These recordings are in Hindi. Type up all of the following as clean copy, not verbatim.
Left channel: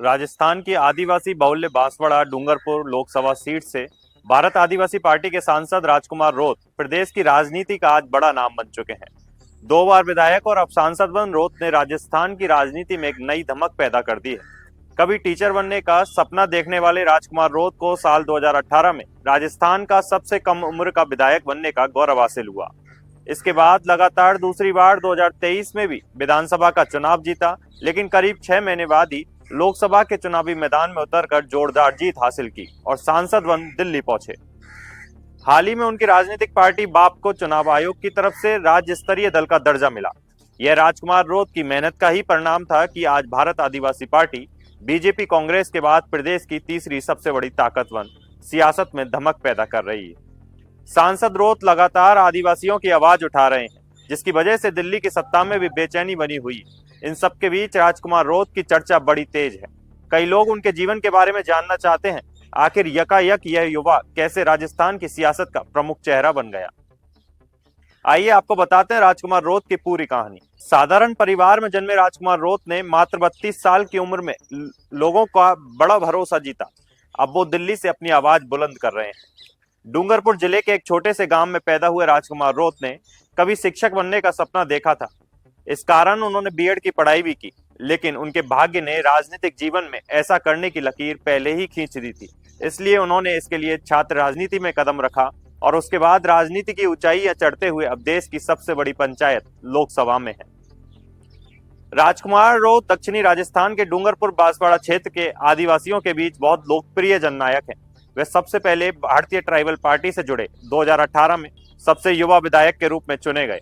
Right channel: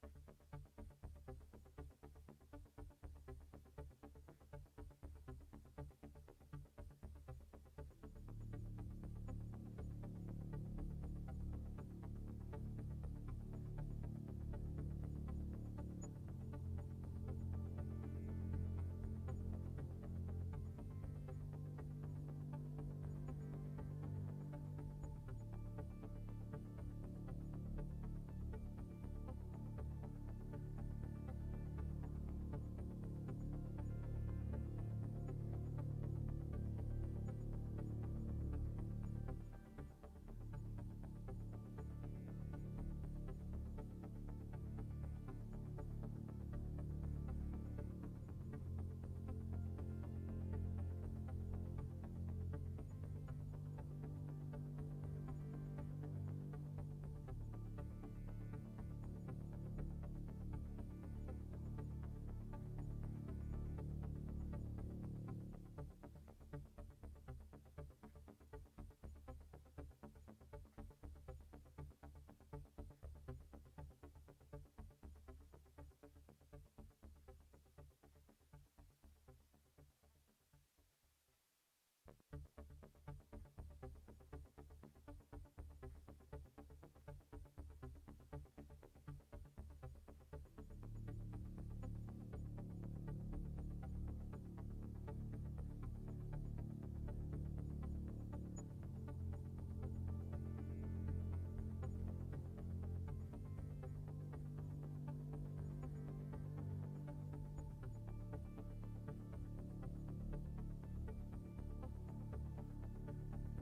राजस्थान की आदिवासी बहुल्य बांसवाड़ा डूंगरपुर लोकसभा सीट से भारत आदिवासी पार्टी के सांसद राजकुमार रोत प्रदेश की राजनीति का आज बड़ा नाम बन चुके हैं। 2 बार विधायक और अब सांसद बन रोत ने राजस्थान की राजनीति में एक नई धमक पैदा कर दी है। कभी टीचर बनने का सपना देखने वाले राजकुमार रोत को साल 2018 में राजस्थान का सबसे कम उम्र का विधायक बनने का गौरव हासिल हुआ। इसके बाद लगातार दूसरी बार 2023 में भी विधानसभा का चुनाव जीता, लेकिन करीब 6 महीने बाद ही लोकसभा के चुनावी मैदान में उतरकर जोरदार जीत हासिल की और सांसद बन दिल्ली पहुंचे। हाल ही में उनकी राजनीतिक पार्टी बाप को चुनाव आयोग की तरफ से राज्य स्तरीय दल का दर्जा मिला। यह राजकुमार रोत की मेहनत का ही परिणाम था कि आज भारत आदिवासी पार्टी बीजेपी कांग्रेस के बाद प्रदेश की तीसरी सबसे बड़ी ताकत बन सियासत में धमक पैदा कर रही है। सांसद रोत लगातार आदिवासियों की आवाज उठा रहे हैं, जिसकी वजह से दिल्ली की सत्ता में भी बेचैनी बनी हुई। इन सब के बीच राजकुमार रोत की चर्चा बड़ी तेज है। कई लोग उनके जीवन के बारे में जानना चाहते हैं, आखिर यकायक यह युवा कैसे राजस्थान की सियासत का प्रमुख चेहरा बन गया। आइए आपको बताते हैं राजकुमार रोत की पूरी कहानी। साधारण परिवार में जन्मे राजकुमार रोत ने मात्र 32 साल की उम्र में लोगों का बड़ा भरोसा जीता। अब वो दिल्ली से अपनी आवाज बुलंद कर रहे हैं। डूंगरपुर जिले के एक छोटे से गांव में पैदा हुए राजकुमार रोत ने कभी शिक्षक बनने का सपना देखा था। इस कारण उन्होंने बीएड की पढ़ाई भी की, लेकिन उनके भाग्य ने राजनीतिक जीवन में ऐसा करने की लकीर पहले ही खींच दी थी। इसलिए उन्होंने इसके लिए छात्र राजनीति में कदम रखा और उसके बाद राजनीति की ऊंचाइयां चढ़ते हुए अब देश की सबसे बड़ी पंचायत लोकसभा में है। राजकुमार रोत दक्षिणी राजस्थान के डूंगरपुर बांसवाड़ा क्षेत्र के आदिवासियों के बीच बहुत लोकप्रिय जननायक हैं। वे सबसे पहले भारतीय ट्राइबल पार्टी से जुड़े 2018 में सबसे युवा विधायक के रूप में चुने गए।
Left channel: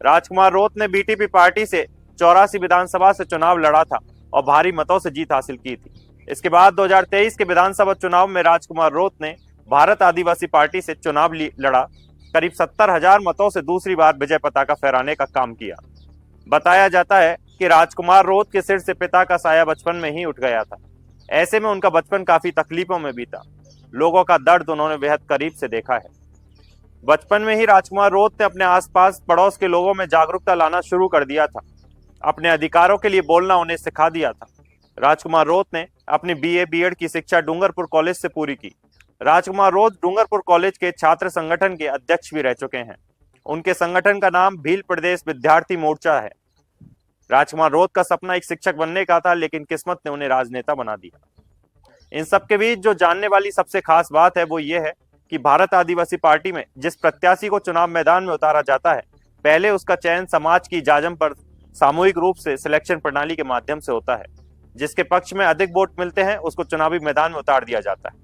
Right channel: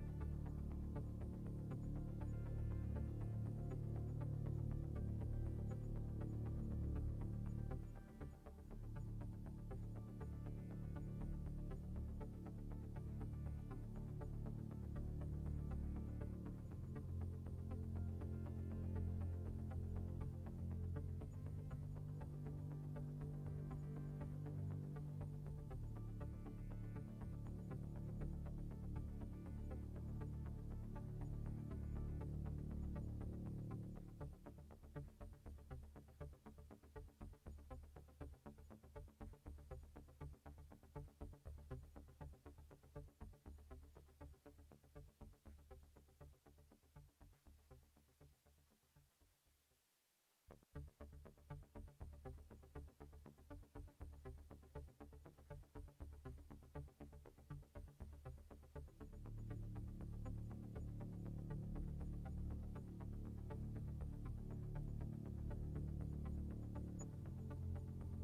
राजकुमार रोत ने बीटीपी पार्टी से 84 विधानसभा से चुनाव लड़ा था और भारी मतों से जीत हासिल की थी। इसके बाद 2023 के विधानसभा चुनाव में राजकुमार रोत ने भारत आदिवासी पार्टी से चुनाव लड़ा। करीब 70,000 मतों से दूसरी बार विजय पताका फहराने का काम किया। बताया जाता है कि राजकुमार रोत के सिर से पिता का साया बचपन में ही उठ गया था। ऐसे में उनका बचपन काफी तकलीफों में बीता। लोगों का दर्द उन्होंने बेहद करीब से देखा है। बचपन में ही राजकुमार रोत ने अपने आसपास पड़ोस के लोगों में जागरूकता लाना शुरू कर दिया था। अपने अधिकारों के लिए बोलना उन्हें सिखा दिया था। राजकुमार रोत ने अपनी बीए बीएड की शिक्षा डूंगरपुर कॉलेज से पूरी की। राजकुमार रोत डूंगरपुर कॉलेज के छात्र संगठन के अध्यक्ष भी रह चुके हैं। उनके संगठन का नाम भील प्रदेश विद्यार्थी मोर्चा है। राजकुमार रोत का सपना एक शिक्षक बनने का था, लेकिन किस्मत ने उन्हें राजनेता बना दिया। इन सब के बीच जो जानने वाली सबसे खास बात है वो ये है कि भारत आदिवासी पार्टी में जिस प्रत्याशी को चुनाव मैदान में उतारा जाता है, पहले उसका चयन समाज की जाजम पर सामूहिक रूप से सिलेक्शन प्रणाली के माध्यम से होता है। जिसके पक्ष में अधिक वोट मिलते हैं उसको चुनावी मैदान में उतार दिया जाता है।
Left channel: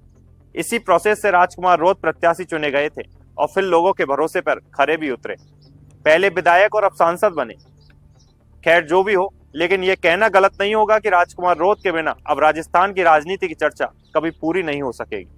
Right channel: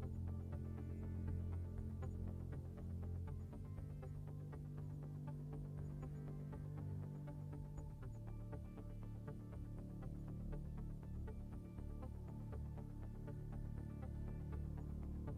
इसी प्रोसेस से राजकुमार रोत प्रत्याशी चुने गए थे और फिर लोगों के भरोसे पर खरे भी उतरे। पहले विधायक और अब सांसद बने। खैर जो भी हो, लेकिन यह कहना गलत नहीं होगा कि राजकुमार रोत के बिना अब राजस्थान की राजनीति की चर्चा कभी पूरी नहीं हो सकेगी।